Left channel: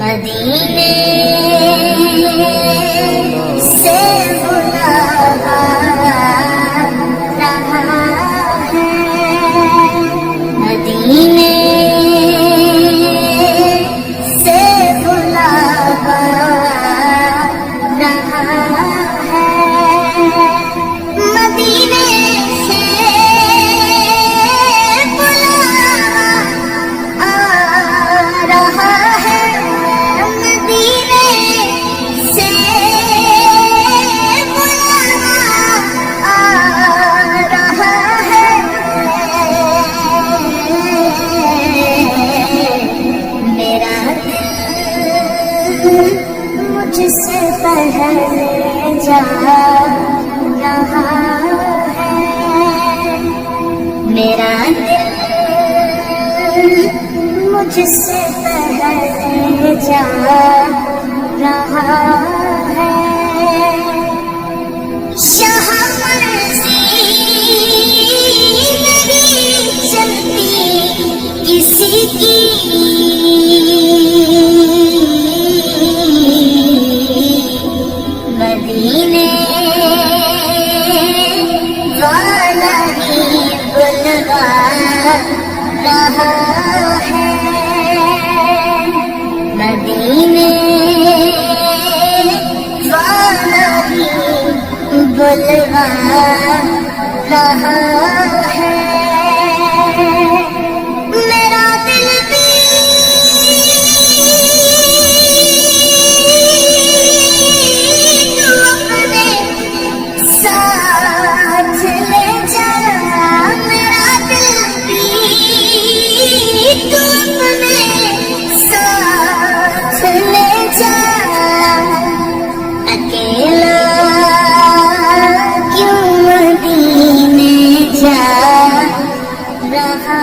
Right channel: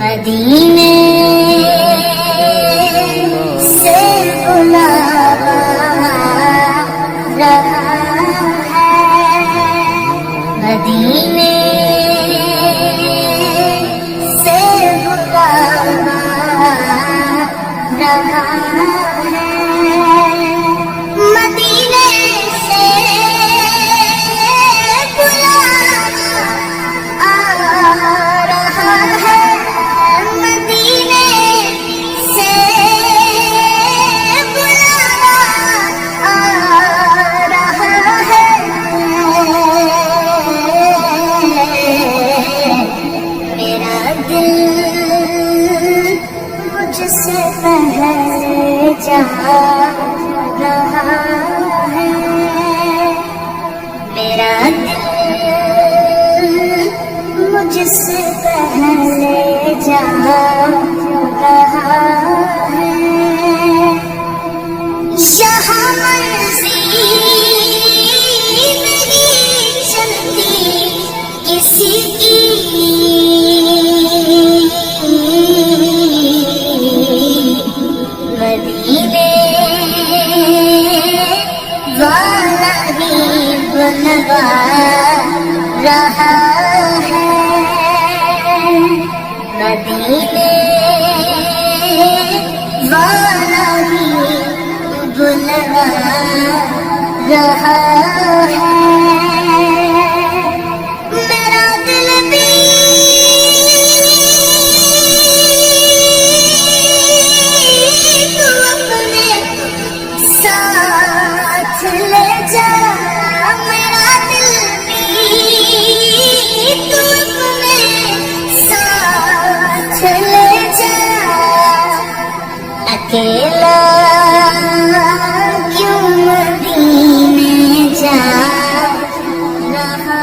मदीने से बुलावा रहा है, मदीने से बुलावा रहा है, मदीने से बुलावा आ रहा है, मदीने से बुलावा आ रहा है, मेरा दिल मुझसे पहले जा रहा है, मेरा दिल मुझसे पहले जा रहा है, यहाँ मर्जी नहीं चलती किसी की, मदीने वाला ही बुलवा रहा है, मदीने वाला ही बुलवा रहा है, मेरा दिल भी तू अपने साथ ले जा, मेरा दिल भी तू अपने साथ ले जा, अकेला क्यों मदीने जा रहा